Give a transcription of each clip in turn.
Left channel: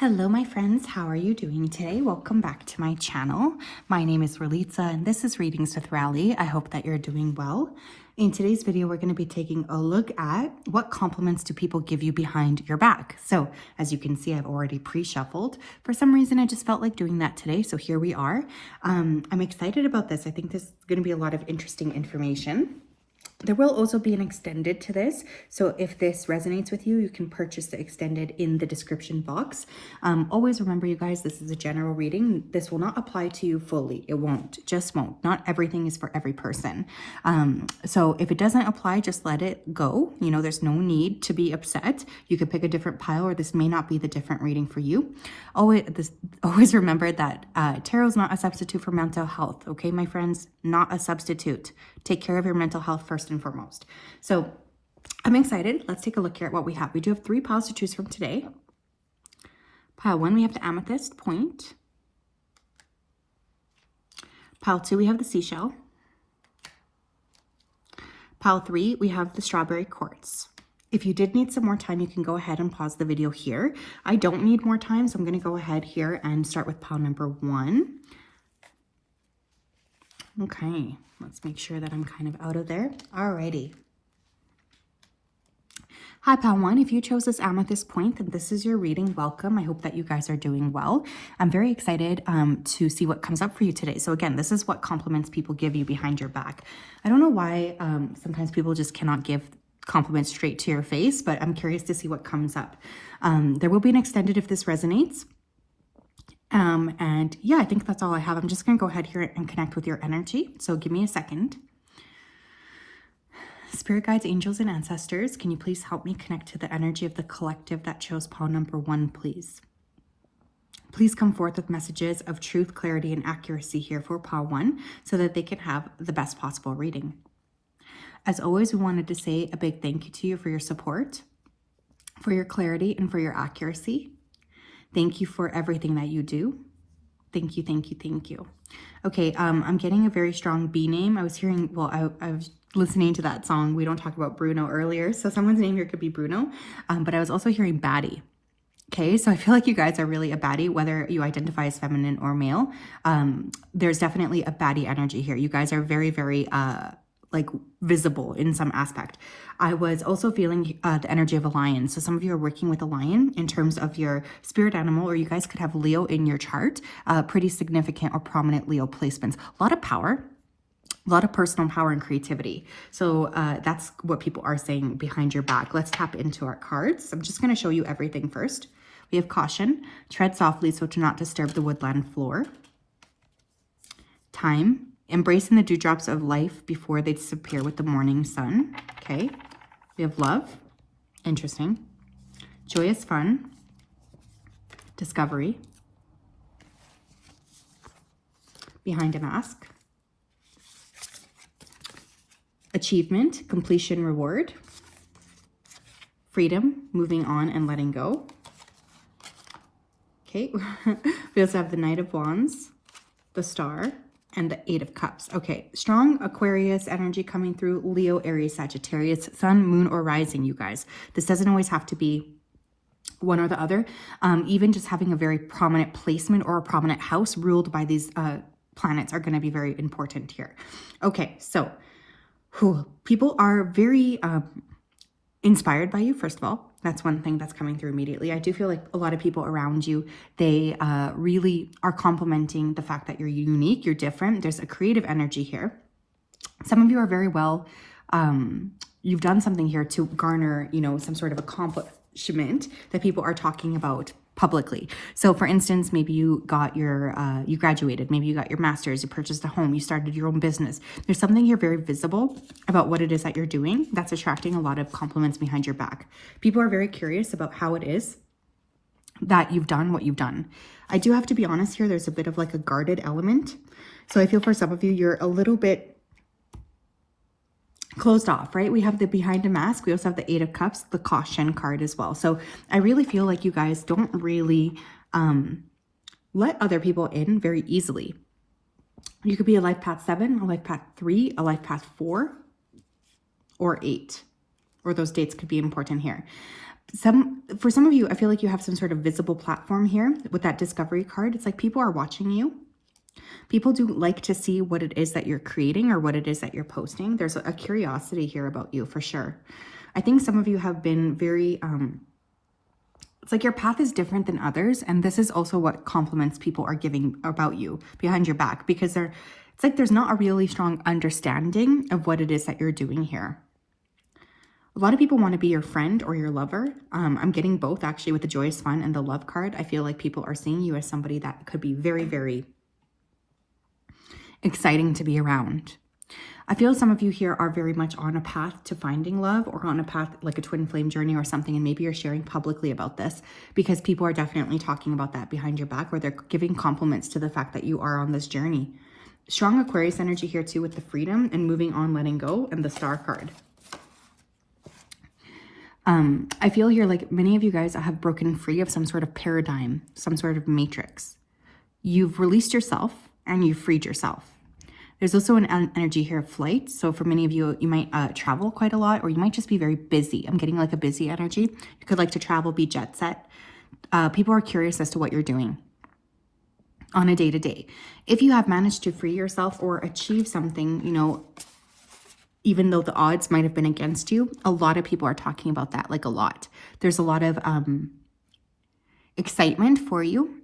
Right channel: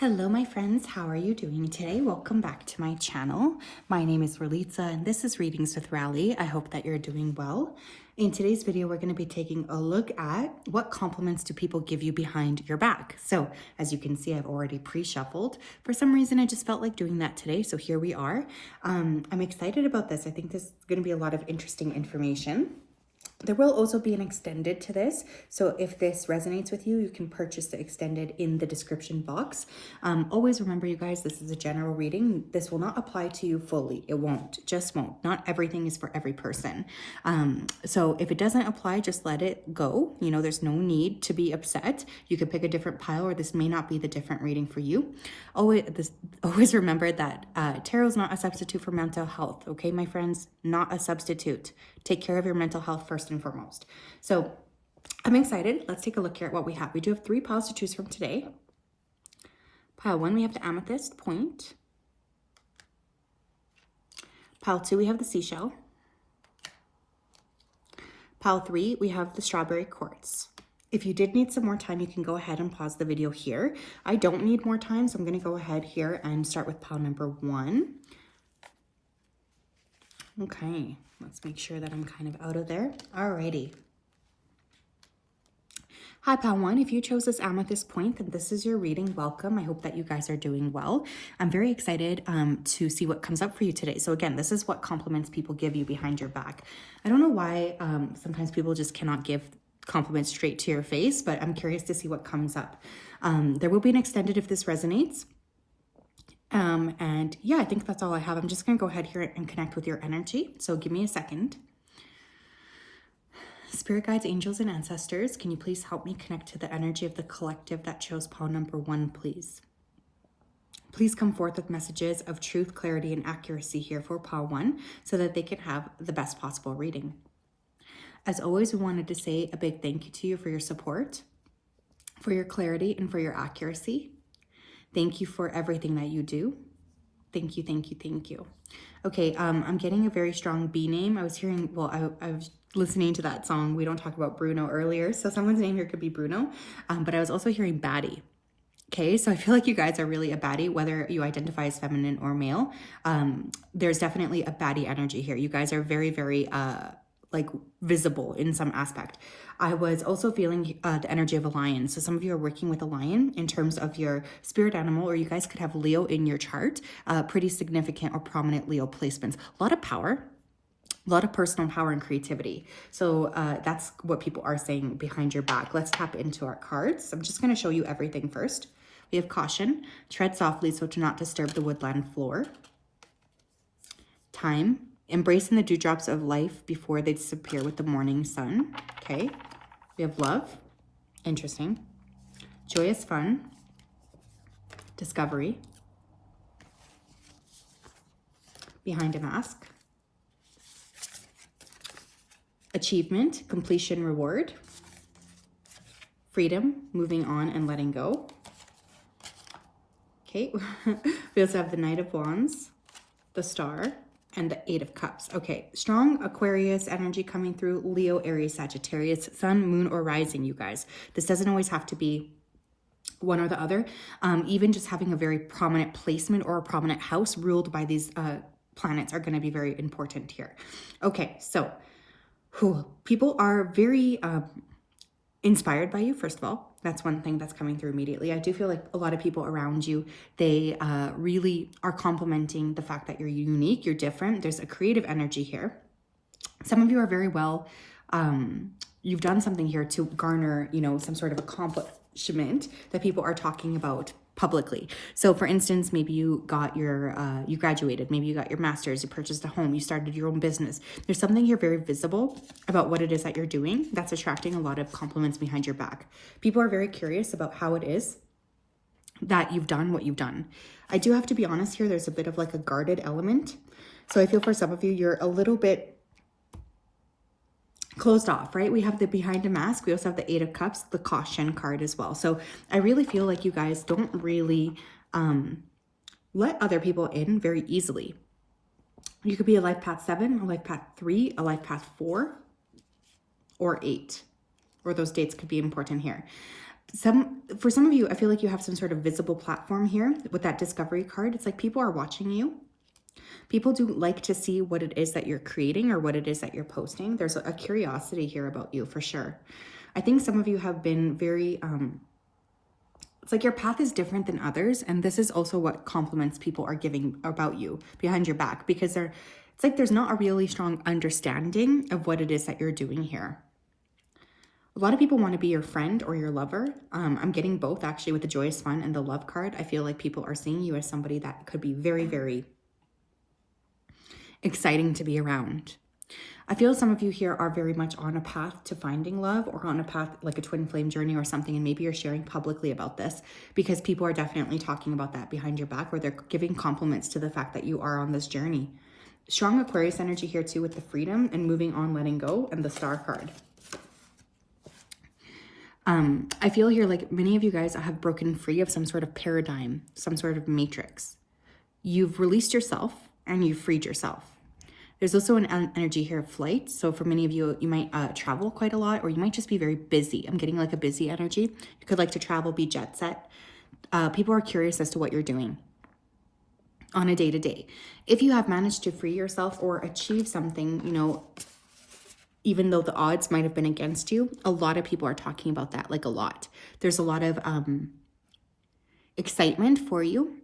Hello my friends, how are you doing today? Welcome back to my channel. My name is Ralitza and this is Readings with Rally. I hope that you're doing well. In today's video, we're going to be taking a look at what compliments do people give you behind your back. So as you can see, I've already pre-shuffled. For some reason, I just felt like doing that today. So here we are. I'm excited about this. I think this is going to be a lot of interesting information. There will also be an extended to this, so if this resonates with you, you can purchase the extended in the description box. Always remember, you guys, this is a general reading. This will not apply to you fully. It won't, just won't. Not everything is for every person. So if it doesn't apply, just let it go. You know, there's no need to be upset. You could pick a different pile, or this may not be the different reading for you. Always remember that tarot is not a substitute for mental health, okay, my friends? Not a substitute. Take care of your mental health first and foremost. So I'm excited. Let's take a look here at what we have. We do have 3 piles to choose from today. Pile 1, we have the amethyst point. Pile 2, we have the seashell. Pile 3, we have the strawberry quartz. If you did need some more time, you can go ahead and pause the video here. I don't need more time, so I'm going to go ahead here and start with pile number 1. Okay, let's make sure that I'm kind of out of there. Alrighty. Hi, pile 1. If you chose this amethyst point, then this is your reading. Welcome. I hope that you guys are doing well. I'm very excited to see what comes up for you today. So again, this is what compliments people give you behind your back. I don't know why sometimes people just cannot give compliments straight to your face, but I'm curious to see what comes up. There will be an extended if this resonates. And yeah, I think that's all I have. I'm just going to go ahead here and connect with your energy. So give me a second. Spirit guides, angels, and ancestors, can you please help me connect to the energy of the collective that chose pile number 1, please? Please come forth with messages of truth, clarity, and accuracy here for pile 1 so that they can have the best possible reading. As always, we wanted to say a big thank you to you for your support, for your clarity, and for your accuracy. Thank you for everything that you do. Thank you, thank you, thank you. Okay, I'm getting a very strong B name. I was hearing, well, I was listening to that song, We Don't Talk About Bruno, earlier. So someone's name here could be Bruno, but I was also hearing baddie. Okay, so I feel like you guys are really a baddie, whether you identify as feminine or male. There's definitely a baddie energy here. You guys are very, very like visible in some aspect. I was also feeling the energy of a lion. So some of you are working with a lion in terms of your spirit animal, or you guys could have Leo in your chart, pretty significant or prominent Leo placements. A lot of power, a lot of personal power and creativity. So that's what people are saying behind your back. Let's tap into our cards. I'm just going to show you everything first. We have caution, tread softly so to not disturb the woodland floor. Time, embracing the dewdrops of life before they disappear with the morning sun. Okay. We have love. Interesting. Joyous fun. Discovery. Behind a mask. Achievement. Completion, reward. Freedom. Moving on and letting go. Okay. We also have the Knight of Wands. The Star. And the 8 of Cups. Okay, strong Aquarius energy coming through. Leo, Aries, Sagittarius, Sun, Moon, or Rising, you guys. This doesn't always have to be one or the other. Even just having a very prominent placement or a prominent house ruled by these planets are going to be very important here. Okay, so people are very inspired by you, first of all. That's one thing that's coming through immediately. I do feel like a lot of people around you, they really are complimenting the fact that you're unique, you're different. There's a creative energy here. Some of you are very well, you've done something here to garner, you know, some sort of accomplishment that people are talking about publicly. So for instance, maybe you got your, you graduated, maybe you got your master's, you purchased a home, you started your own business. There's something here very visible about what it is that you're doing that's attracting a lot of compliments behind your back. People are very curious about how it is that you've done what you've done. I do have to be honest here, there's a bit of like a guarded element. So I feel for some of you, you're a little bit closed off, right? We have the behind a mask. We also have the 8 of Cups, the caution card as well. So I really feel like you guys don't really let other people in very easily. You could be a life path 7, a life path 3, a life path 4, or 8, or those dates could be important here. For some of you, I feel like you have some sort of visible platform here with that discovery card. It's like people are watching you. People do like to see what it is that you're creating or what it is that you're posting. There's a curiosity here about you for sure. I think some of you have been very, it's like your path is different than others. And this is also what compliments people are giving about you behind your back, because it's like there's not a really strong understanding of what it is that you're doing here. A lot of people want to be your friend or your lover. I'm getting both actually with the joyous fun and the love card. I feel like people are seeing you as somebody that could be very, very exciting to be around. I feel some of you here are very much on a path to finding love, or on a path like a twin flame journey or something, and maybe you're sharing publicly about this because people are definitely talking about that behind your back, or they're giving compliments to the fact that you are on this journey. Strong Aquarius energy here too with the freedom and moving on, letting go, and the star card. I feel here like many of you guys have broken free of some sort of paradigm, some sort of matrix. You've released yourself and you've freed yourself. There's also an energy here of flight. So for many of you, you might travel quite a lot, or you might just be very busy. I'm getting like a busy energy. You could like to travel, be jet set. People are curious as to what you're doing on a day-to-day. If you have managed to free yourself or achieve something, you know, even though the odds might have been against you, a lot of people are talking about that, like a lot. There's a lot of excitement for you.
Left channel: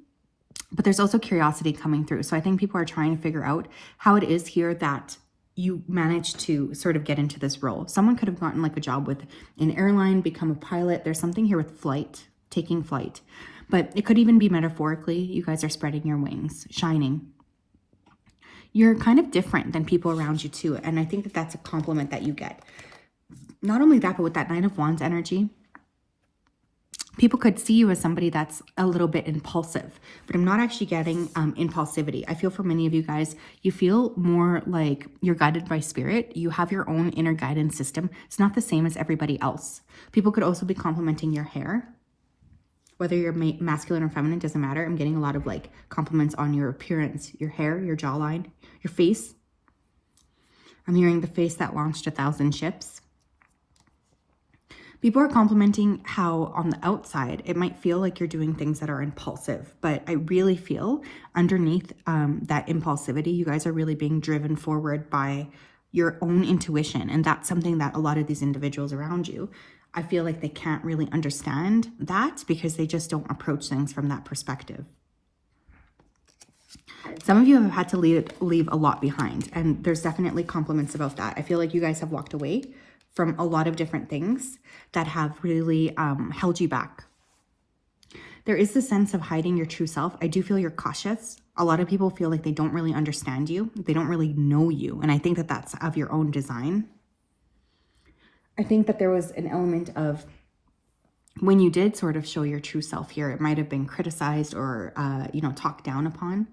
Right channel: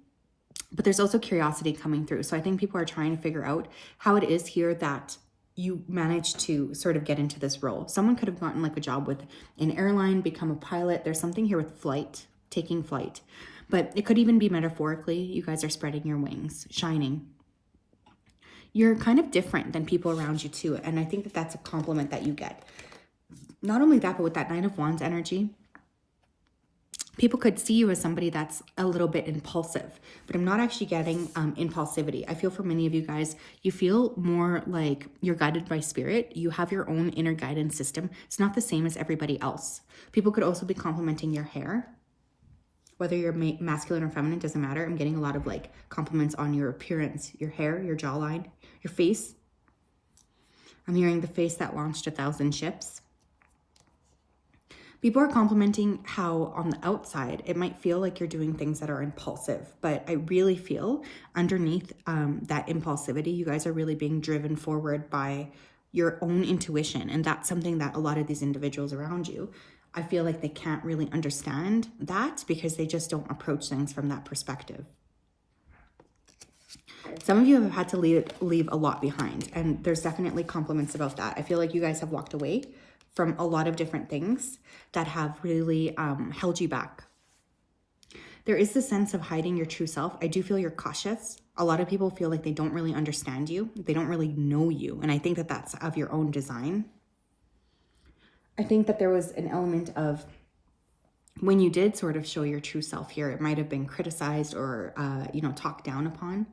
But there's also curiosity coming through. So I think people are trying to figure out how it is here that you managed to sort of get into this role. Someone could have gotten like a job with an airline, become a pilot. There's something here with flight, taking flight. But it could even be metaphorically, you guys are spreading your wings, shining. You're kind of different than people around you too. And I think that that's a compliment that you get. Not only that, but with that Nine of Wands energy, people could see you as somebody that's a little bit impulsive, but I'm not actually getting impulsivity. I feel for many of you guys, you feel more like you're guided by spirit. You have your own inner guidance system. It's not the same as everybody else. People could also be complimenting your hair. Whether you're masculine or feminine, doesn't matter. I'm getting a lot of like compliments on your appearance, your hair, your jawline, your face. I'm hearing the face that launched 1,000 ships. People are complimenting how on the outside, it might feel like you're doing things that are impulsive, but I really feel underneath that impulsivity, you guys are really being driven forward by your own intuition. And that's something that a lot of these individuals around you, I feel like they can't really understand that because they just don't approach things from that perspective. Some of you have had to leave a lot behind, and there's definitely compliments about that. I feel like you guys have walked away from a lot of different things that have really held you back. There is this sense of hiding your true self. I do feel you're cautious. A lot of people feel like they don't really understand you. They don't really know you. And I think that that's of your own design. I think that there was an element of when you did sort of show your true self here, it might have been criticized or, talked down upon.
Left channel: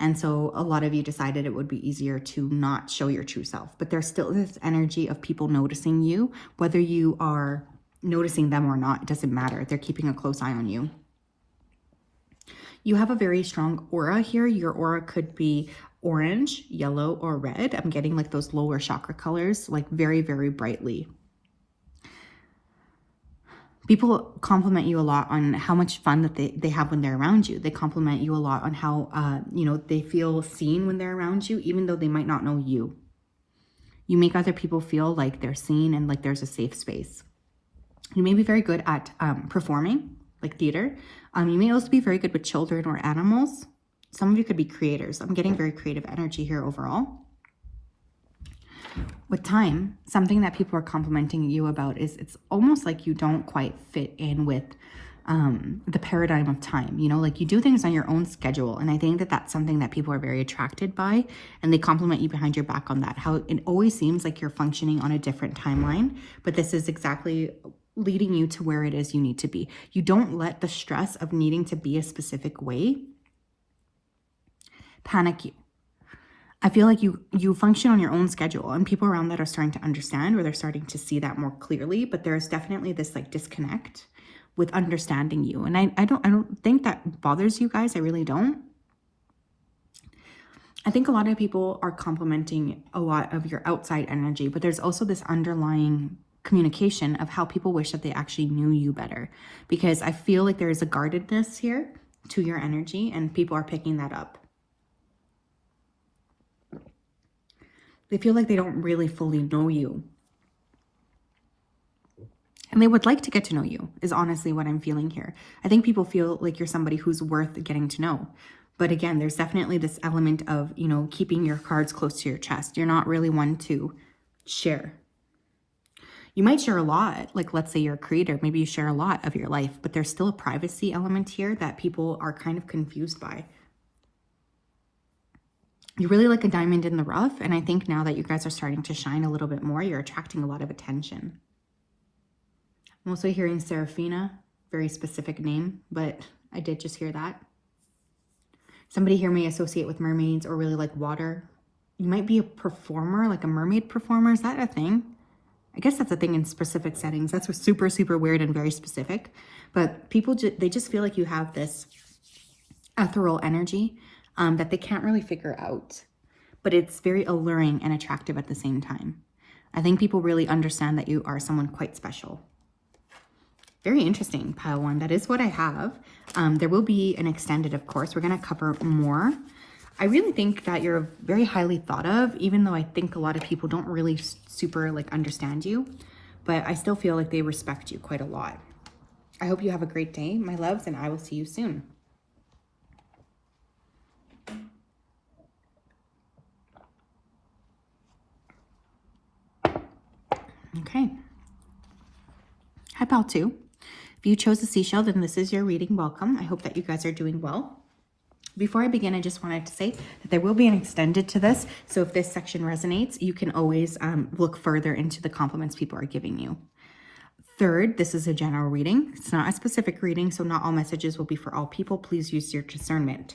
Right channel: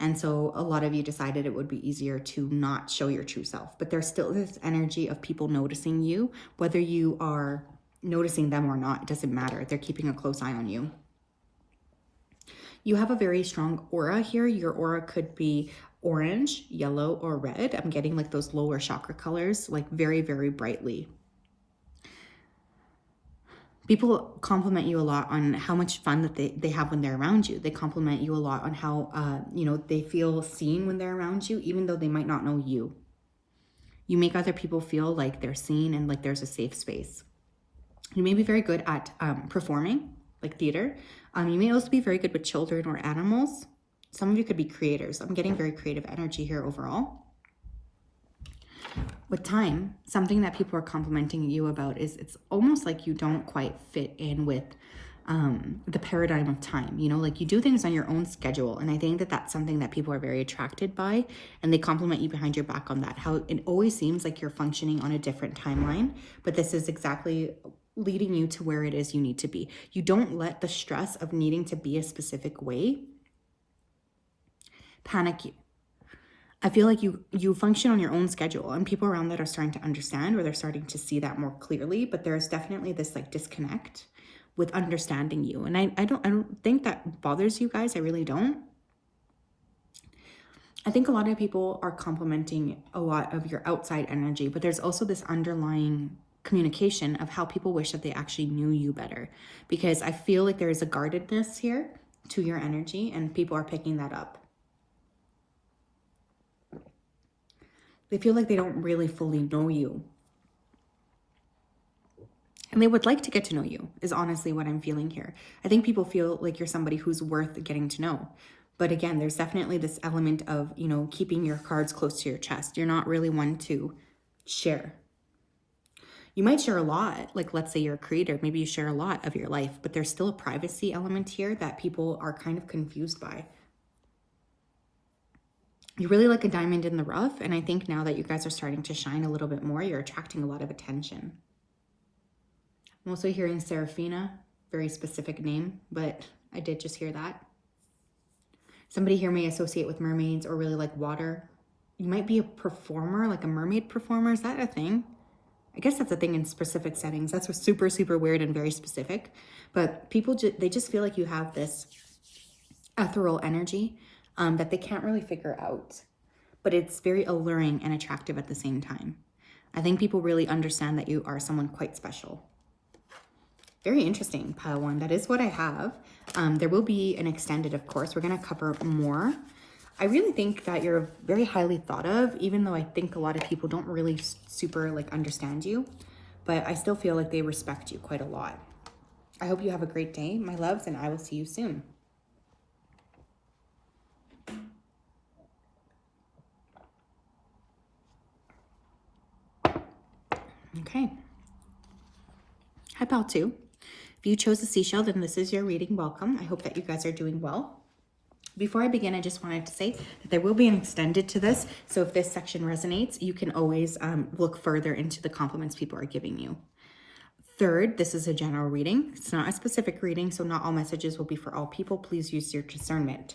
And so a lot of you decided it would be easier to not show your true self. But there's still this energy of people noticing you, whether you are noticing them or not, it doesn't matter. They're keeping a close eye on you. You have a very strong aura here. Your aura could be orange, yellow, or red. I'm getting like those lower chakra colors, like very, very brightly. People compliment you a lot on how much fun that they have when they're around you. They compliment you a lot on how, they feel seen when they're around you, even though they might not know you. You make other people feel like they're seen and like there's a safe space. You may be very good at performing, like theater. You may also be very good with children or animals. Some of you could be creators. I'm getting very creative energy here overall. With time, something that people are complimenting you about is it's almost like you don't quite fit in with the paradigm of time. Like you do things on your own schedule. And I think that that's something that people are very attracted by. And they compliment you behind your back on that. How it always seems like you're functioning on a different timeline. But this is exactly leading you to where it is you need to be. You don't let the stress of needing to be a specific way panic you. I feel like you function on your own schedule, and people around that are starting to understand, or they're starting to see that more clearly, but there's definitely this like disconnect with understanding you. And I don't think that bothers you guys. I really don't. I think a lot of people are complimenting a lot of your outside energy, but there's also this underlying communication of how people wish that they actually knew you better, because I feel like there is a guardedness here to your energy and people are picking that up. They feel like they don't really fully know you. And they would like to get to know you, is honestly what I'm feeling here. I think people feel like you're somebody who's worth getting to know. But again, there's definitely this element of, you know, keeping your cards close to your chest. You're not really one to share. You might share a lot, like let's say you're a creator, maybe you share a lot of your life, but there's still a privacy element here that people are kind of confused by. You really like a diamond in the rough, and I think now that you guys are starting to shine a little bit more, you're attracting a lot of attention. I'm also hearing Seraphina, very specific name, but I did just hear that. Somebody here may associate with mermaids or really like water. You might be a performer, like a mermaid performer. Is that a thing? I guess that's a thing in specific settings. That's super, super weird and very specific. But people, they just feel like you have this ethereal energy that they can't really figure out. But it's very alluring and attractive at the same time. I think people really understand that you are someone quite special. Very interesting, pile one. That is what I have. There will be an extended, of course. We're going to cover more. I really think that you're very highly thought of, even though I think a lot of people don't really super like understand you. But I still feel like they respect you quite a lot. I hope you have a great day, my loves, and I will see you soon. Okay. Hi, pal two. If you chose a seashell, then this is your reading. Welcome. I hope that you guys are doing well. Before I begin, I just wanted to say that there will be an extended to this. So if this section resonates, you can always look further into the compliments people are giving you. Third, this is a general reading. It's not a specific reading, so not all messages will be for all people. Please use your discernment.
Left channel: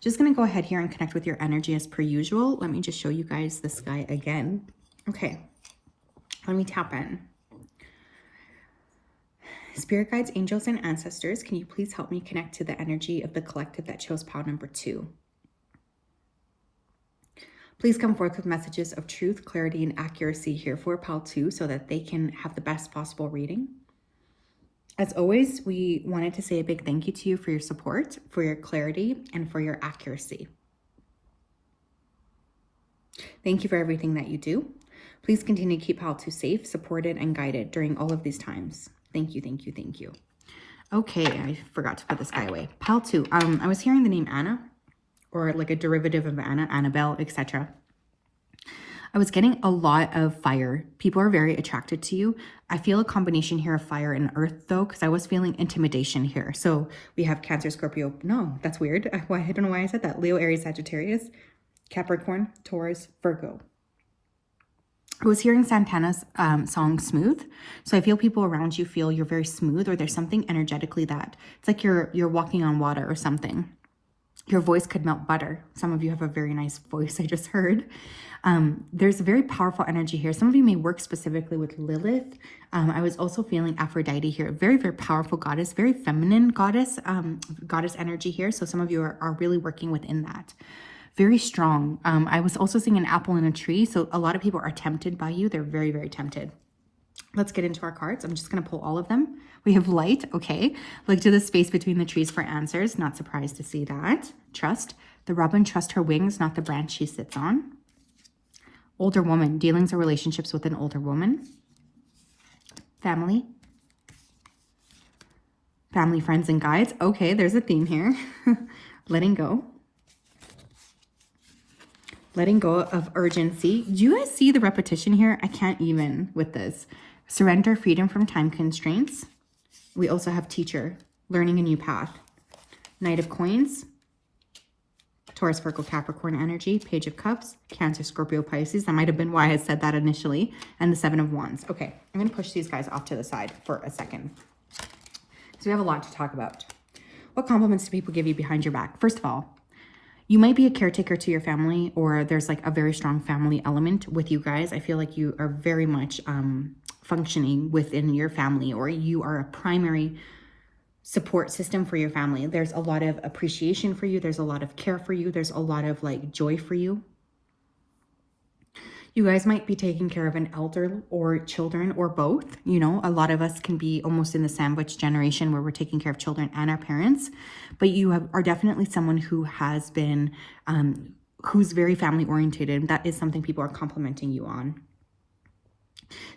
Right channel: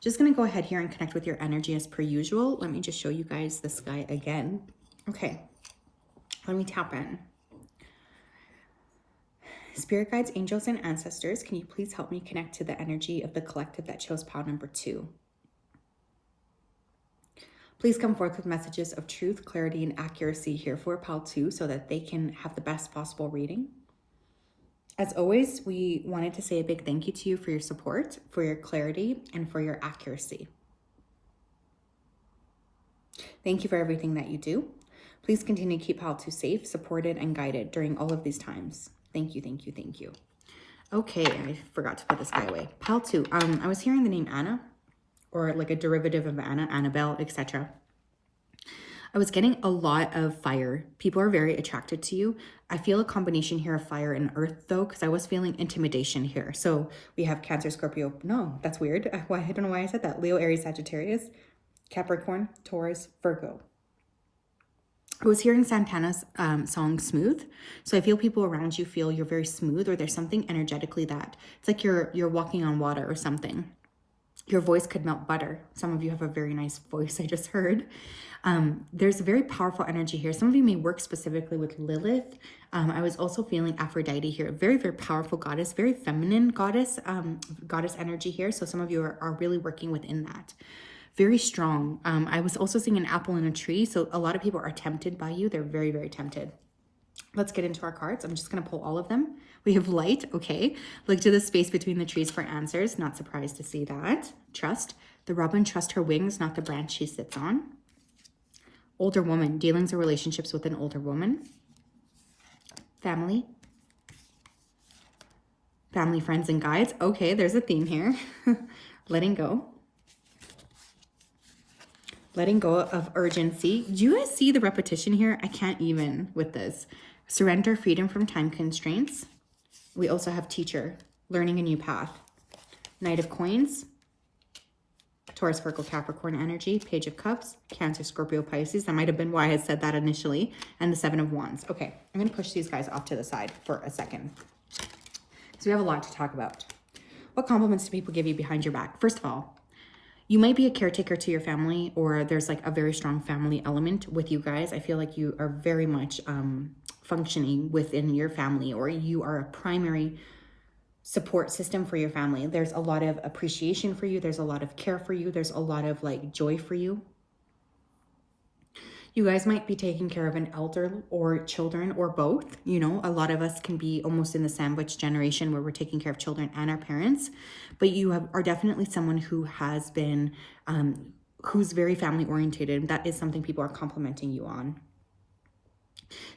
Just going to go ahead here and connect with your energy as per usual. Let me just show you guys this guy again. Okay, let me tap in. Spirit guides, angels, and ancestors, can you please help me connect to the energy of the collective that chose pile number 2? Please come forth with messages of truth, clarity, and accuracy here for pile 2 so that they can have the best possible reading. As always, we wanted to say a big thank you to you for your support, for your clarity, and for your accuracy. Thank you for everything that you do. Please continue to keep pile 2 safe, supported, and guided during all of these times. Thank you, thank you, thank you. Okay, I forgot to put this guy away. Pile 2. I was hearing the name Anna, or like a derivative of Anna, Annabelle, etc. I was getting a lot of fire. People are very attracted to you. I feel a combination here of fire and earth though, because I was feeling intimidation here. So we have Cancer, Scorpio. No, that's weird. I don't know why I said that. Leo, Aries, Sagittarius, Capricorn, Taurus, Virgo. I was hearing Santana's song Smooth. So I feel people around you feel you're very smooth, or there's something energetically that it's like you're walking on water or something. Your voice could melt butter. Some of you have a very nice voice, I just heard. There's a very powerful energy here. Some of you may work specifically with Lilith. I was also feeling Aphrodite here. Very, very powerful goddess, very feminine goddess, goddess energy here. So some of you are really working within that. Very strong. I was also seeing an apple in a tree. So a lot of people are tempted by you. They're very, very tempted. Let's get into our cards. I'm just going to pull all of them. We have light. Okay. Look to the space between the trees for answers. Not surprised to see that. Trust. The robin trusts her wings, not the branch she sits on. Older woman. Dealings or relationships with an older woman. Family. Family, friends, and guides. Okay. There's a theme here. Letting go. Letting go of urgency. Do you guys see the repetition here? I can't even with this. Surrender, freedom from time constraints. We also have teacher, learning a new path. Knight of coins. Taurus, Virgo, Capricorn energy. Page of cups. Cancer, Scorpio, Pisces. That might have been why I said that initially. And the 7 of wands. Okay, I'm going to push these guys off to the side for a second. So we have a lot to talk about. What compliments do people give you behind your back? First of all, you might be a caretaker to your family, or there's like a very strong family element with you guys. I feel like you are very much functioning within your family, or you are a primary support system for your family. There's a lot of appreciation for you. There's a lot of care for you. There's a lot of like joy for you. You guys might be taking care of an elder or children or both. You know, a lot of us can be almost in the sandwich generation where we're taking care of children and our parents, but you are definitely someone who has been, who's very family oriented. That is something people are complimenting you on.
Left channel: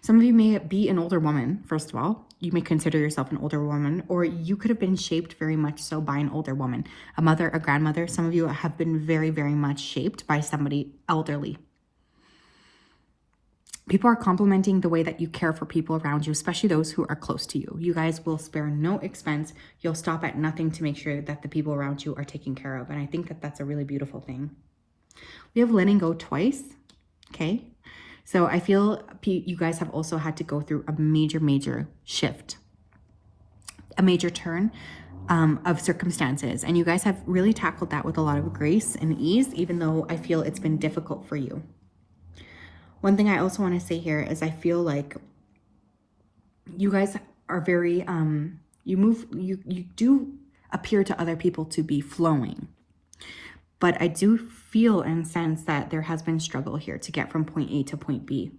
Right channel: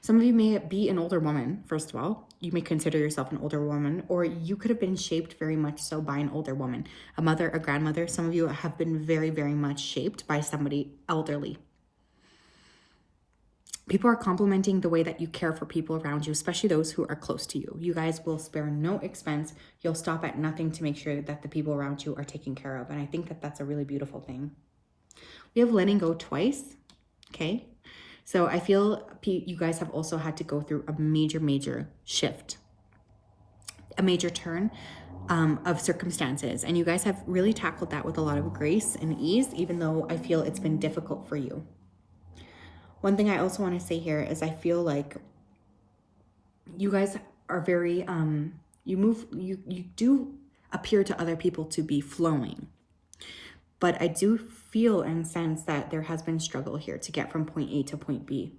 Some of you may be an older woman, first of all. You may consider yourself an older woman, or you could have been shaped very much so by an older woman, a mother, a grandmother. Some of you have been very, very much shaped by somebody elderly. People are complimenting the way that you care for people around you, especially those who are close to you. You guys will spare no expense. You'll stop at nothing to make sure that the people around you are taken care of. And I think that that's a really beautiful thing. We have letting go twice, okay? So I feel you guys have also had to go through a major, major shift, a major turn of circumstances. And you guys have really tackled that with a lot of grace and ease, even though I feel it's been difficult for you. One thing I also want to say here is I feel like you guys are very, you do appear to other people to be flowing. But I do feel and sense that there has been struggle here to get from point A to point B.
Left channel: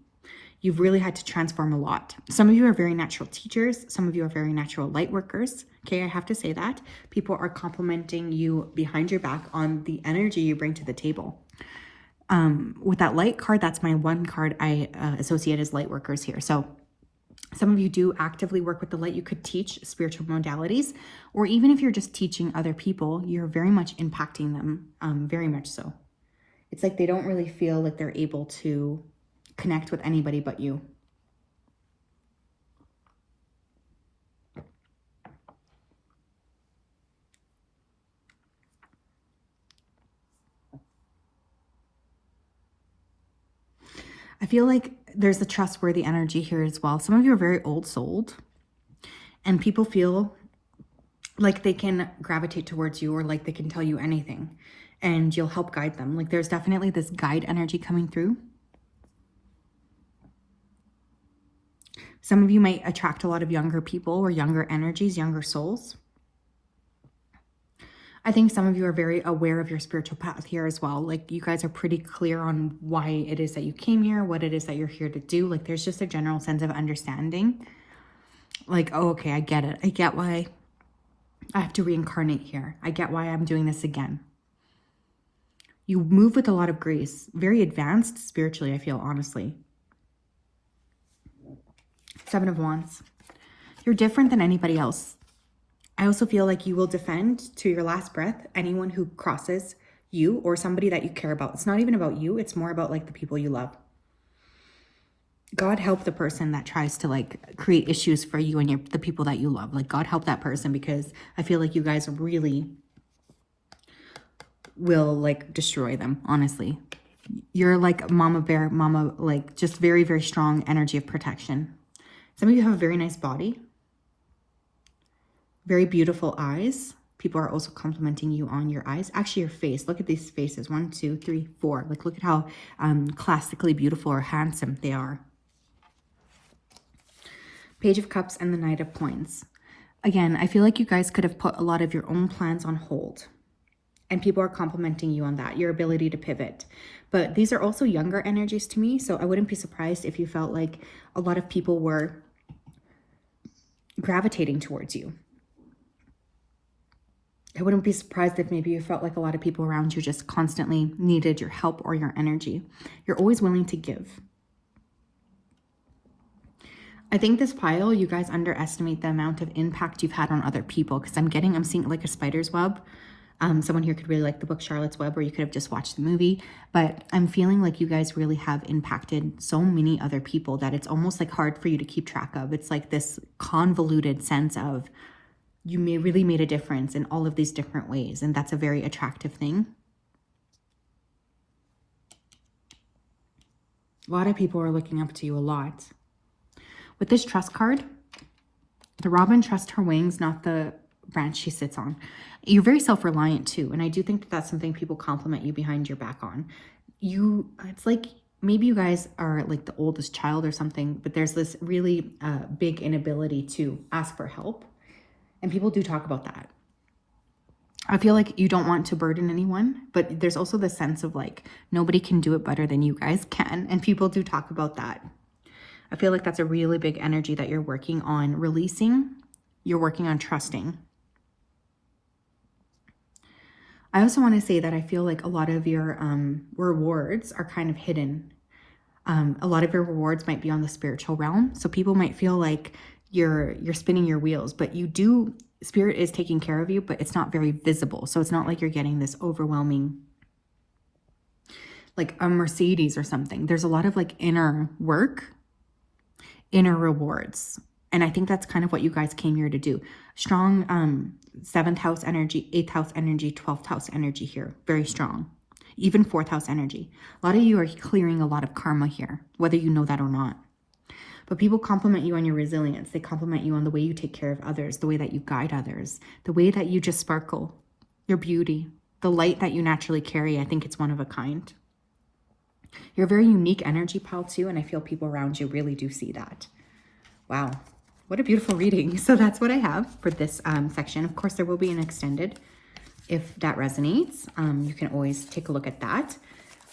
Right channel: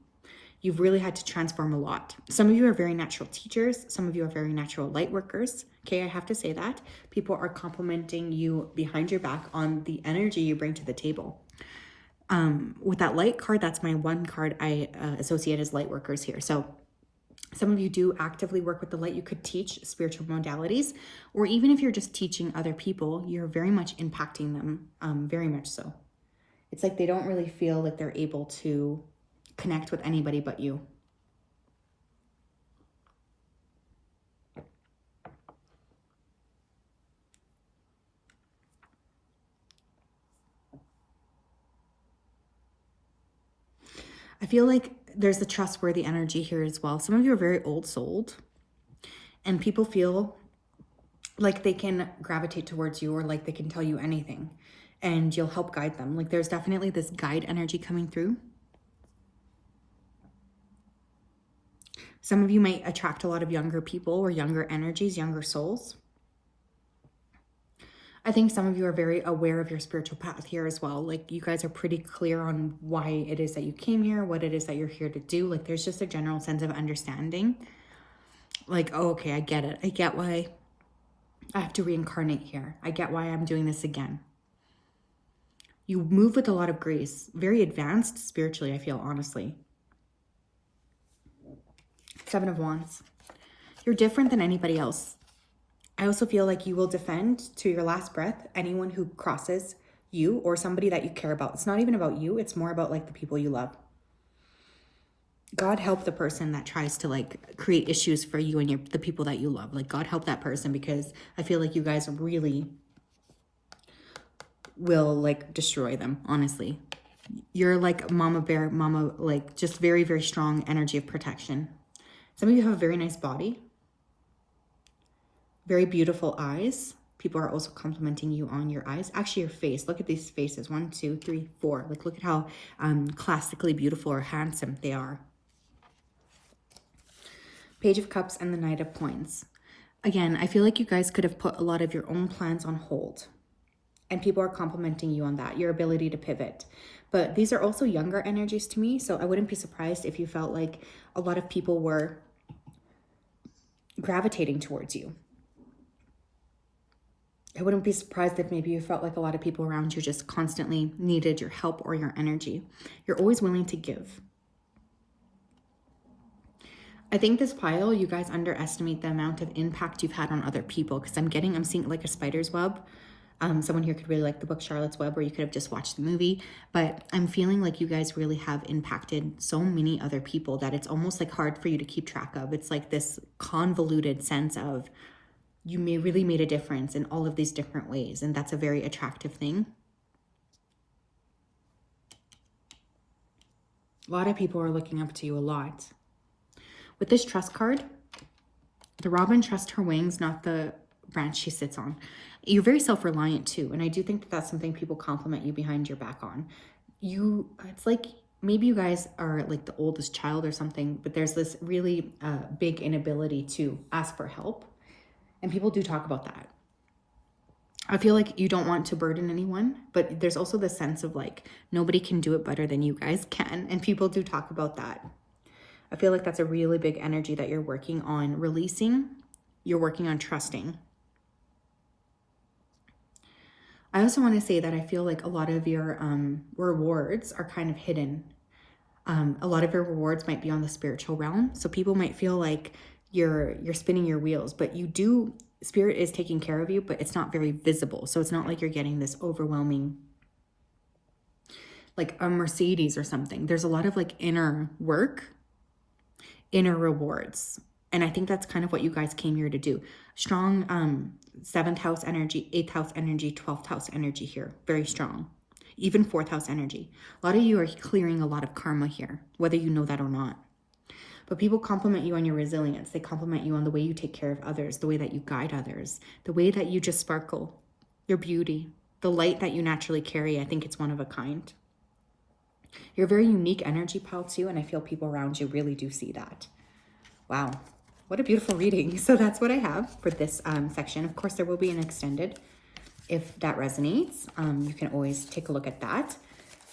You've really had to transform a lot. Some of you are very natural teachers. Some of you are very natural light workers. Okay, I have to say that. People are complimenting you behind your back on the energy you bring to the table. With that light card, that's my one card I associate as light workers here. So some of you do actively work with the light. You could teach spiritual modalities, or even if you're just teaching other people, you're very much impacting them, very much so. It's like they don't really feel like they're able to connect with anybody but you. I feel like there's a trustworthy energy here as well. Some of you are very old-souled, and people feel like they can gravitate towards you, or like they can tell you anything, and you'll help guide them. Like there's definitely this guide energy coming through. Some of you might attract a lot of younger people or younger energies, younger souls. I think some of you are very aware of your spiritual path here as well. Like you guys are pretty clear on why it is that you came here, what it is that you're here to do. Like there's just a general sense of understanding. Like, oh, okay, I get it. I get why I have to reincarnate here. I get why I'm doing this again. You move with a lot of grace, very advanced spiritually, I feel, honestly. 7 of Wands. You're different than anybody else. I also feel like you will defend to your last breath anyone who crosses you or somebody that you care about. It's not even about you. It's more about like the people you love. God help the person that tries to like create issues for you and the people that you love. Like God help that person, because I feel like you guys really will like destroy them, honestly. You're like mama bear, like just very, very strong energy of protection. Some of you have a very nice body. Very beautiful eyes. People are also complimenting you on your eyes. Actually, your face. Look at these faces. 1, 2, 3, 4. Like, look at how classically beautiful or handsome they are. Page of Cups and the Knight of Coins. Again, I feel like you guys could have put a lot of your own plans on hold. And people are complimenting you on that, your ability to pivot. But these are also younger energies to me, so I wouldn't be surprised if you felt like a lot of people were gravitating towards you. I wouldn't be surprised if maybe you felt like a lot of people around you just constantly needed your help or your energy. You're always willing to give. I think this pile, you guys underestimate the amount of impact you've had on other people, because I'm seeing like a spider's web. Someone here could really like the book Charlotte's Web, or you could have just watched the movie, but I'm feeling like you guys really have impacted so many other people that it's almost like hard for you to keep track of. It's like this convoluted sense of you really made a difference in all of these different ways, and that's a very attractive thing. A lot of people are looking up to you a lot. With this trust card, the robin trusts her wings, not the branch she sits on. You're very self-reliant too, and I do think that that's something people compliment you behind your back on. It's like maybe you guys are like the oldest child or something, but there's this really big inability to ask for help. And people do talk about that. I feel like you don't want to burden anyone, but there's also the sense of like, nobody can do it better than you guys can. And people do talk about that. I feel like that's a really big energy that you're working on releasing. You're working on trusting. I also want to say that I feel like a lot of your rewards are kind of hidden. A lot of your rewards might be on the spiritual realm. So people might feel like you're spinning your wheels, but spirit is taking care of you, but it's not very visible. So it's not like you're getting this overwhelming, like a Mercedes or something. There's a lot of like inner work, inner rewards. And I think that's kind of what you guys came here to do. Strong 7th house energy, 8th house energy, 12th house energy here. Very strong. Even 4th house energy. A lot of you are clearing a lot of karma here, whether you know that or not. But people compliment you on your resilience. They compliment you on the way you take care of others, the way that you guide others, the way that you just sparkle, your beauty, the light that you naturally carry. I think it's one of a kind. You're a very unique energy, pal, too, and I feel people around you really do see that. Wow, what a beautiful reading. So that's what I have for this section. Of course, there will be an extended. If that resonates, you can always take a look at that.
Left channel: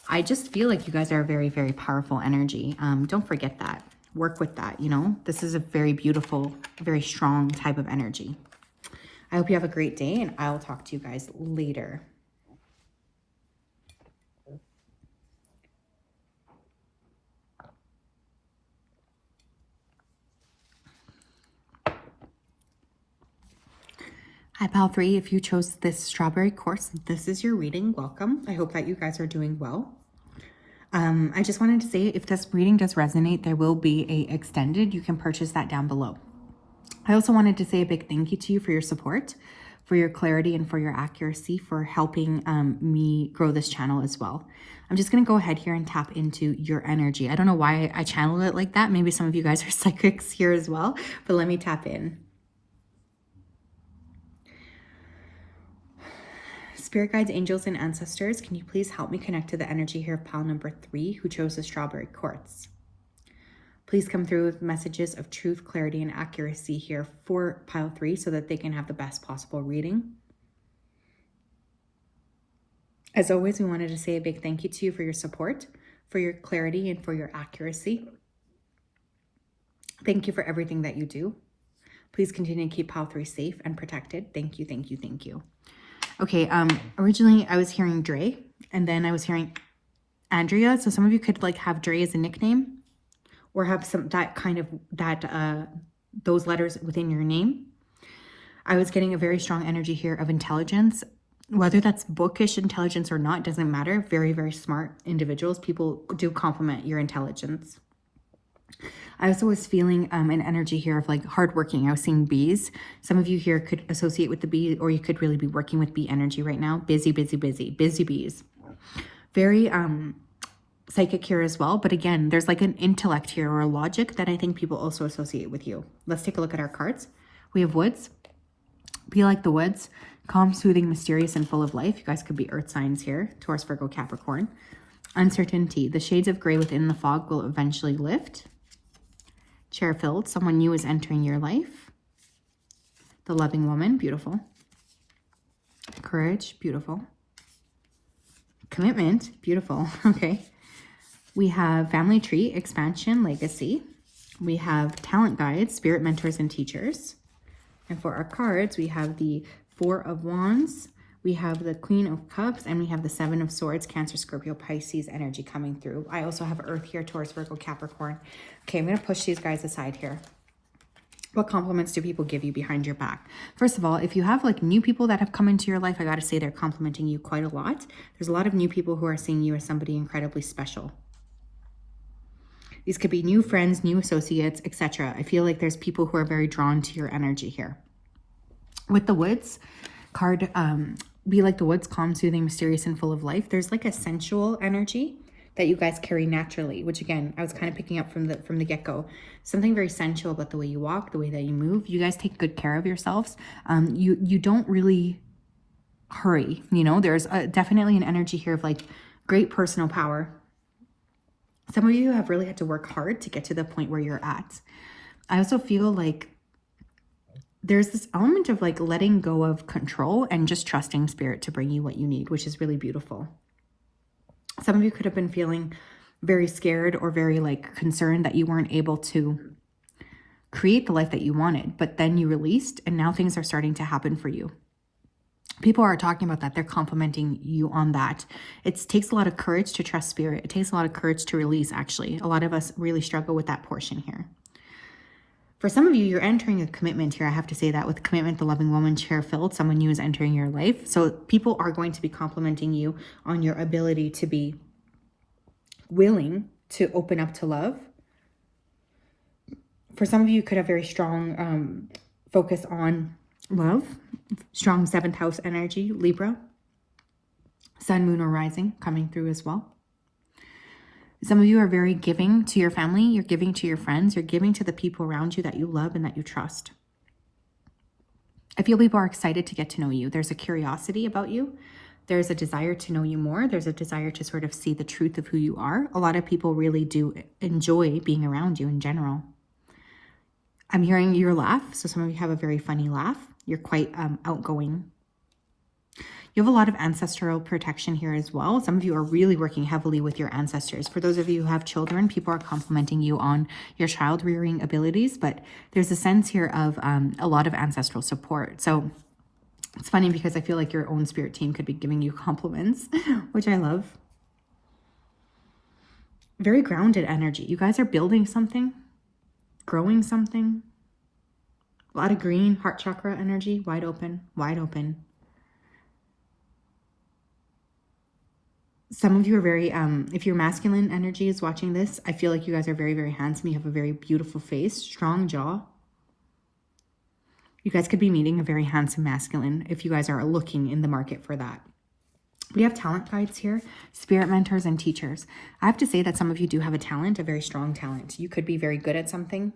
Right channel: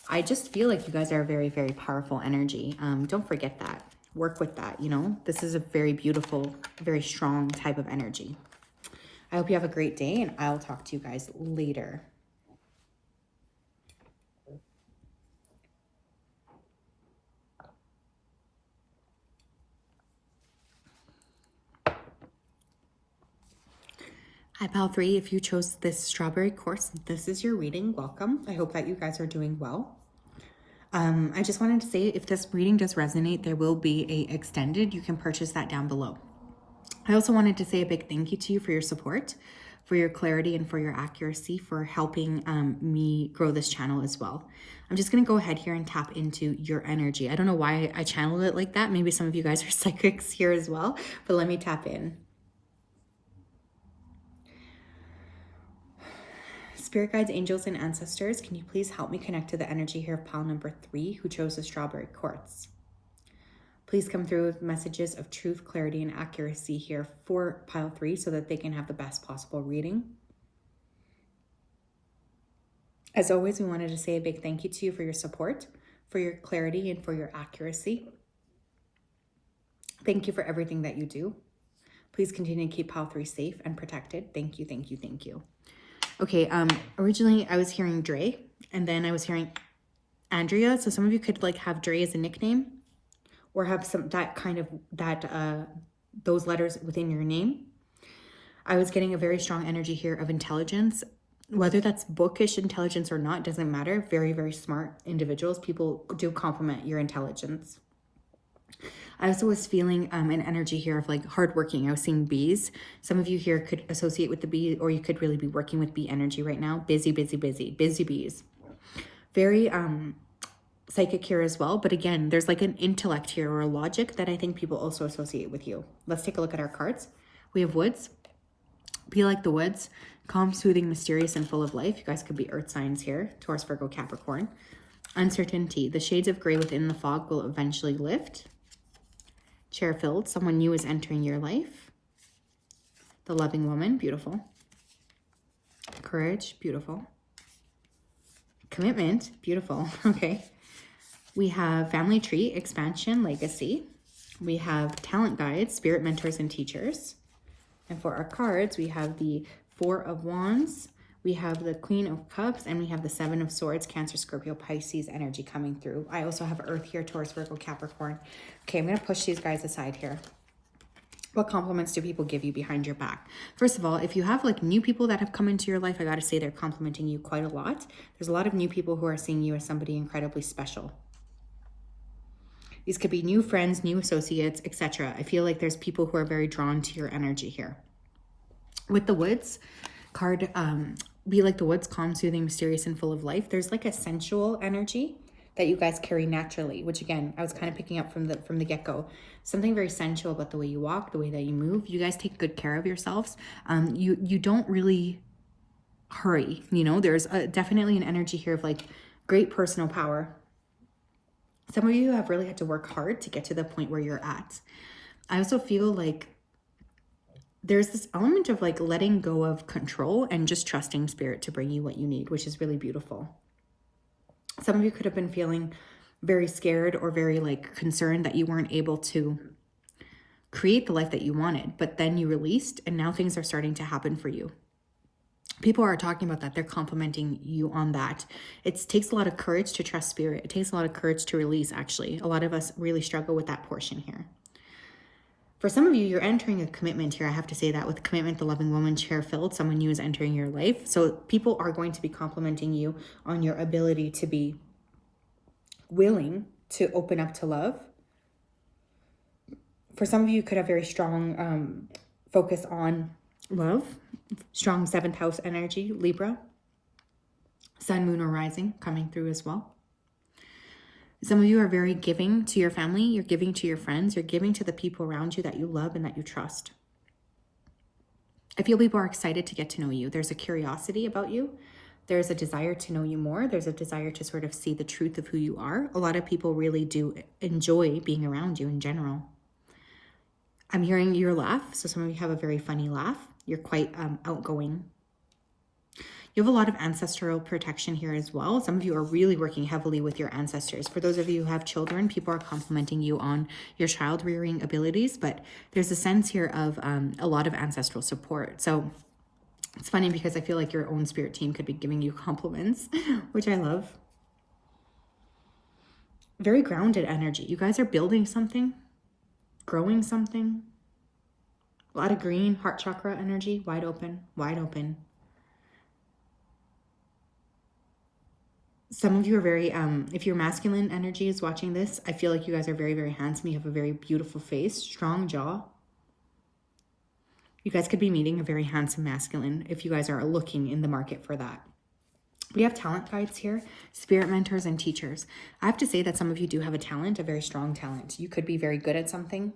I just feel like you guys are a very, very powerful energy. Don't forget that. Work with that, you know. This is a very beautiful, very strong type of energy. I hope you have a great day, and I'll talk to you guys later. Hi, Pal 3. If you chose this strawberry course, this is your reading. Welcome. I hope that you guys are doing well. I just wanted to say, if this reading does resonate, there will be a extended. You can purchase that down below. I also wanted to say a big thank you to you for your support, for your clarity, and for your accuracy, for helping me grow this channel as well. I'm just going to go ahead here and tap into your energy. I don't know why I channeled it like that. Maybe some of you guys are psychics here as well, but let me tap in. Spirit guides, angels, and ancestors, can you please help me connect to the energy here of pile number 3 who chose the strawberry quartz? Please come through with messages of truth, clarity, and accuracy here for pile 3 so that they can have the best possible reading. As always, we wanted to say a big thank you to you for your support, for your clarity, and for your accuracy. Thank you for everything that you do. Please continue to keep pile 3 safe and protected. Thank you, thank you, thank you. Okay, originally I was hearing Dre, and then I was hearing Andrea. So some of you could like have Dre as a nickname, or have some those letters within your name. I was getting a very strong energy here of intelligence, whether that's bookish intelligence or not, doesn't matter. Very, very smart individuals. People do compliment your intelligence. I also was feeling an energy here of like hardworking. I was seeing bees. Some of you here could associate with the bee, or you could really be working with bee energy right now. Busy, busy, busy, busy bees. Very psychic here as well. But again, there's like an intellect here or a logic that I think people also associate with you. Let's take a look at our cards. We have woods. Be like the woods. Calm, soothing, mysterious, and full of life. You guys could be earth signs here. Taurus, Virgo, Capricorn. Uncertainty. The shades of gray within the fog will eventually lift. Chair filled. Someone new is entering your life. The loving woman. Beautiful. Courage. Beautiful. Commitment. Beautiful. Okay. We have family tree, expansion, legacy. We have talent guides, spirit mentors, and teachers. And for our cards, we have the 4 of Wands, we have the Queen of Cups, and we have the 7 of Swords, Cancer, Scorpio, Pisces energy coming through. I also have Earth here, Taurus, Virgo, Capricorn. Okay, I'm going to push these guys aside here. What compliments do people give you behind your back? First of all, if you have like new people that have come into your life, I got to say they're complimenting you quite a lot. There's a lot of new people who are seeing you as somebody incredibly special. These could be new friends, new associates, etc. I feel like there's people who are very drawn to your energy here. With the woods card, be like the woods, calm, soothing, mysterious, and full of life. There's like a sensual energy that you guys carry naturally, which again, I was kind of picking up from the get-go. Something very sensual about the way you walk, the way that you move. You guys take good care of yourselves. You don't really hurry, you know. There's definitely an energy here of like great personal power. Some of you have really had to work hard to get to the point where you're at. I also feel like there's this element of like letting go of control and just trusting spirit to bring you what you need, which is really beautiful. Some of you could have been feeling very scared or very like concerned that you weren't able to create the life that you wanted, but then you released and now things are starting to happen for you. People are talking about that. They're complimenting you on that. It takes a lot of courage to trust spirit. It takes a lot of courage to release, actually. A lot of us really struggle with that portion here. For some of you, you're entering a commitment here. I have to say that with commitment, the loving woman, chair filled, someone new is entering your life. So people are going to be complimenting you on your ability to be willing to open up to love. For some of you, could have very strong focus on love, strong 7th house energy, Libra, sun, moon, or rising coming through as well. Some of you are very giving to your family, you're giving to your friends, you're giving to the people around you that you love and that you trust. I feel people are excited to get to know you. There's a curiosity about you. There's a desire to know you more. There's a desire to sort of see the truth of who you are. A lot of people really do enjoy being around you in general. I'm hearing your laugh. So some of you have a very funny laugh. You're quite outgoing. You have a lot of ancestral protection here as well. Some of you are really working heavily with your ancestors. For those of you who have children, people are complimenting you on your child rearing abilities, but there's a sense here of a lot of ancestral support. So it's funny because I feel like your own spirit team could be giving you compliments, which I love. Very grounded energy. You guys are building something, growing something. A lot of green, heart chakra energy, wide open, wide open. Some of you are very, if your masculine energy is watching this, I feel like you guys are very, very handsome. You have a very beautiful face, strong jaw. You guys could be meeting a very handsome masculine if you guys are looking in the market for that. We have talent guides here, spirit mentors and teachers. I have to say that some of you do have a talent, a very strong talent. You could be very good at something.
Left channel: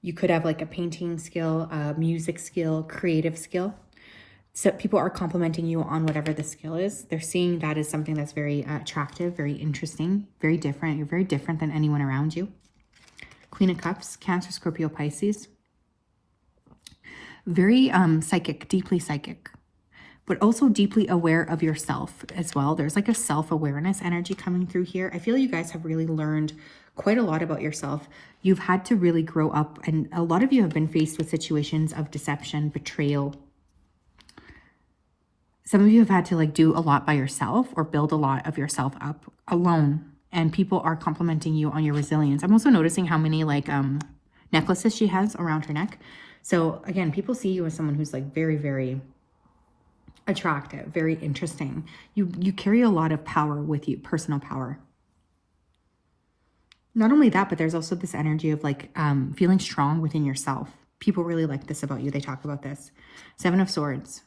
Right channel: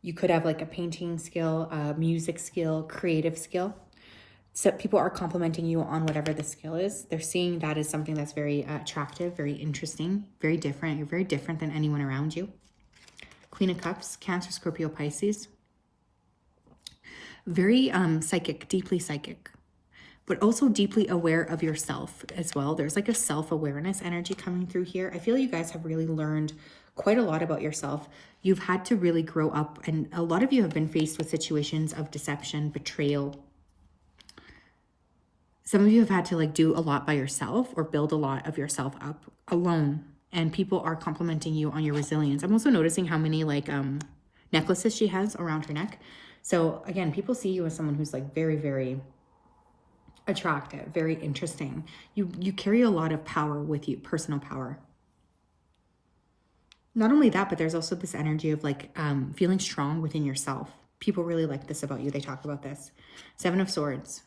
You could have like a painting skill, a music skill, creative skill. So people are complimenting you on whatever the skill is. They're seeing that as something that's very attractive, very interesting, very different. You're very different than anyone around you. Queen of Cups, Cancer, Scorpio, Pisces. Very psychic, deeply psychic, but also deeply aware of yourself as well. There's like a self-awareness energy coming through here. I feel you guys have really learned quite a lot about yourself. You've had to really grow up, and a lot of you have been faced with situations of deception, betrayal. Some of you have had to like do a lot by yourself or build a lot of yourself up alone, and people are complimenting you on your resilience. I'm also noticing how many like necklaces she has around her neck. So again, people see you as someone who's like very, very attractive, very interesting. You carry a lot of power with you, personal power. Not only that, but there's also this energy of like feeling strong within yourself. People really like this about you. They talk about this. 7 of Swords.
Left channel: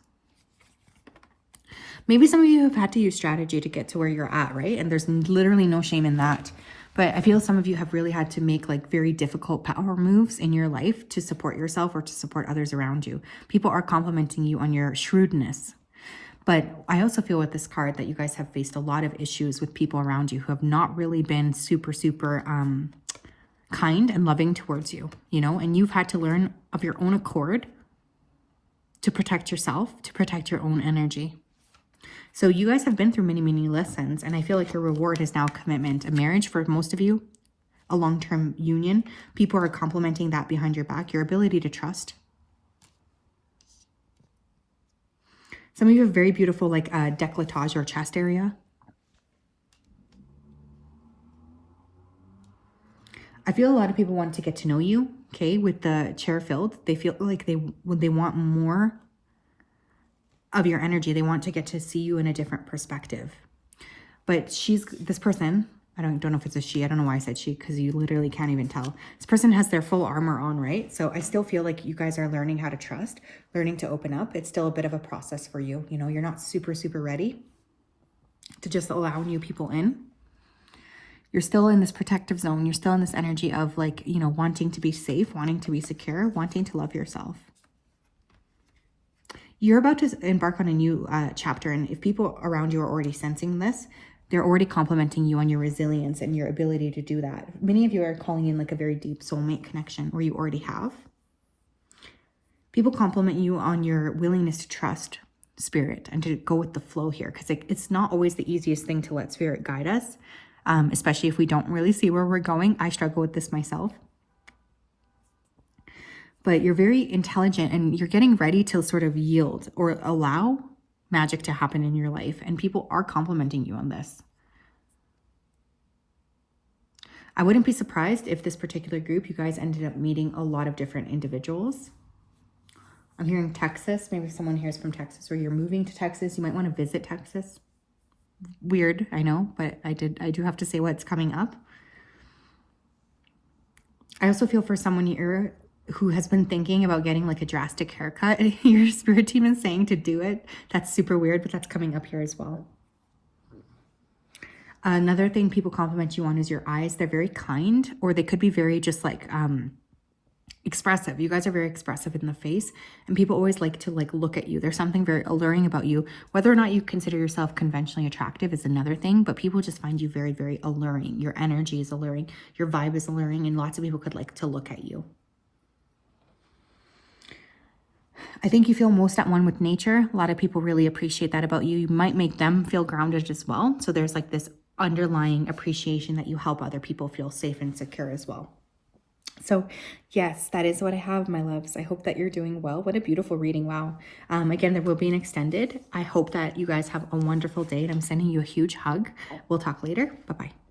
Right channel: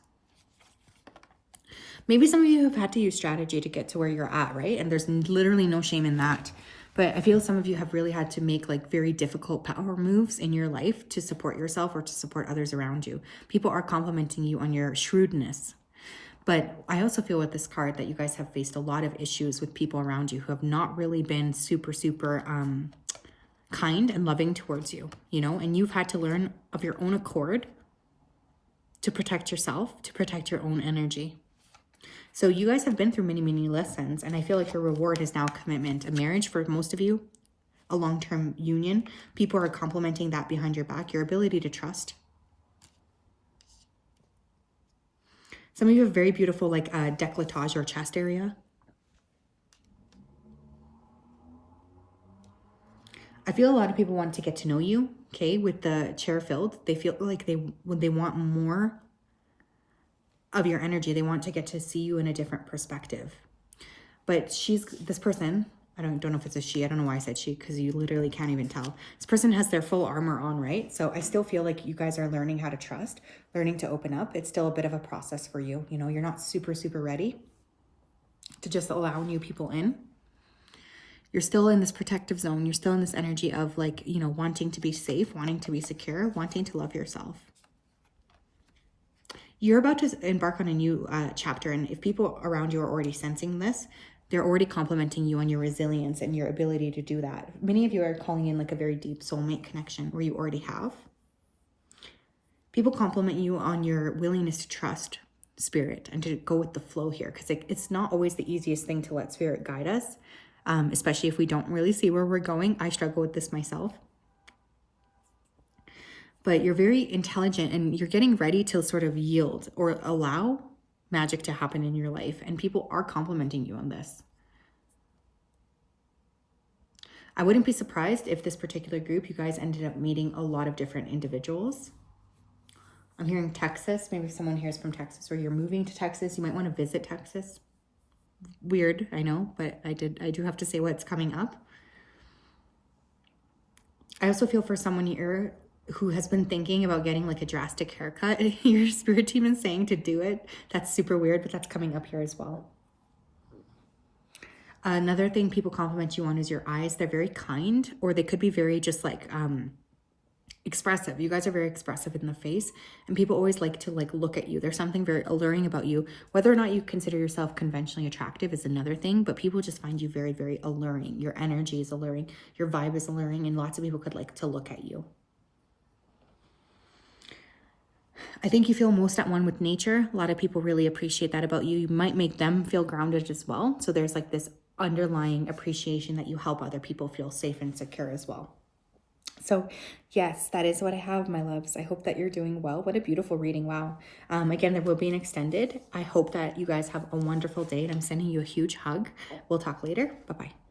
Maybe some of you have had to use strategy to get to where you're at, right? And there's literally no shame in that. But I feel some of you have really had to make like very difficult power moves in your life to support yourself or to support others around you. People are complimenting you on your shrewdness. But I also feel with this card that you guys have faced a lot of issues with people around you who have not really been super kind and loving towards you, you know, and you've had to learn of your own accord to protect yourself, to protect your own energy. So you guys have been through many, many lessons, and I feel like your reward is now commitment, a marriage for most of you, a long-term union. People are complimenting that behind your back, your ability to trust. Some of you have very beautiful like décolletage or chest area. I feel a lot of people want to get to know you, okay, with the chair filled. They feel like they want more of your energy. They want to get to see you in a different perspective. But this person, I don't know if it's a she, I don't know why I said she, because you literally can't even tell. This person has their full armor on, right? So I still feel like you guys are learning how to trust, learning to open up. It's still a bit of a process for you. You know, you're not super ready to just allow new people in. You're still in this protective zone. You're still in this energy of like, you know, wanting to be safe, wanting to be secure, wanting to love yourself. You're about to embark on a new chapter, and if people around you are already sensing this, They're already complimenting you on your resilience and your ability to do that. Many of you are calling in like a very deep soulmate connection where you already have. People compliment you on your willingness to trust spirit and to go with the flow here, because it's not always the easiest thing to let spirit guide us, especially if we don't really see where we're going. I struggle with this myself. But you're very intelligent and you're getting ready to sort of yield or allow magic to happen in your life. And people are complimenting you on this. I wouldn't be surprised if this particular group, you guys ended up meeting a lot of different individuals. I'm hearing Texas. Maybe someone here is from Texas, or you're moving to Texas. You might want to visit Texas. Weird, I know, but I do have to say what's coming up. I also feel for someone here who has been thinking about getting like a drastic haircut. Your spirit team is saying to do it. That's super weird, but that's coming up here as well. Another thing people compliment you on is your eyes. They're very kind, or they could be very just like expressive. You guys are very expressive in the face, and people always like to like look at you. There's something very alluring about you. Whether or not you consider yourself conventionally attractive is another thing, but people just find you very, very alluring. Your energy is alluring. Your vibe is alluring, and lots of people could like to look at you. I think you feel most at one with nature. A lot of people really appreciate that about you. You might make them feel grounded as well. So there's like this underlying appreciation that you help other people feel safe and secure as well. So yes, that is what I have, my loves. I hope that you're doing well. What a beautiful reading. Wow. Again, there will be an extended. I hope that you guys have a wonderful day, and I'm sending you a huge hug. We'll talk later. Bye-bye.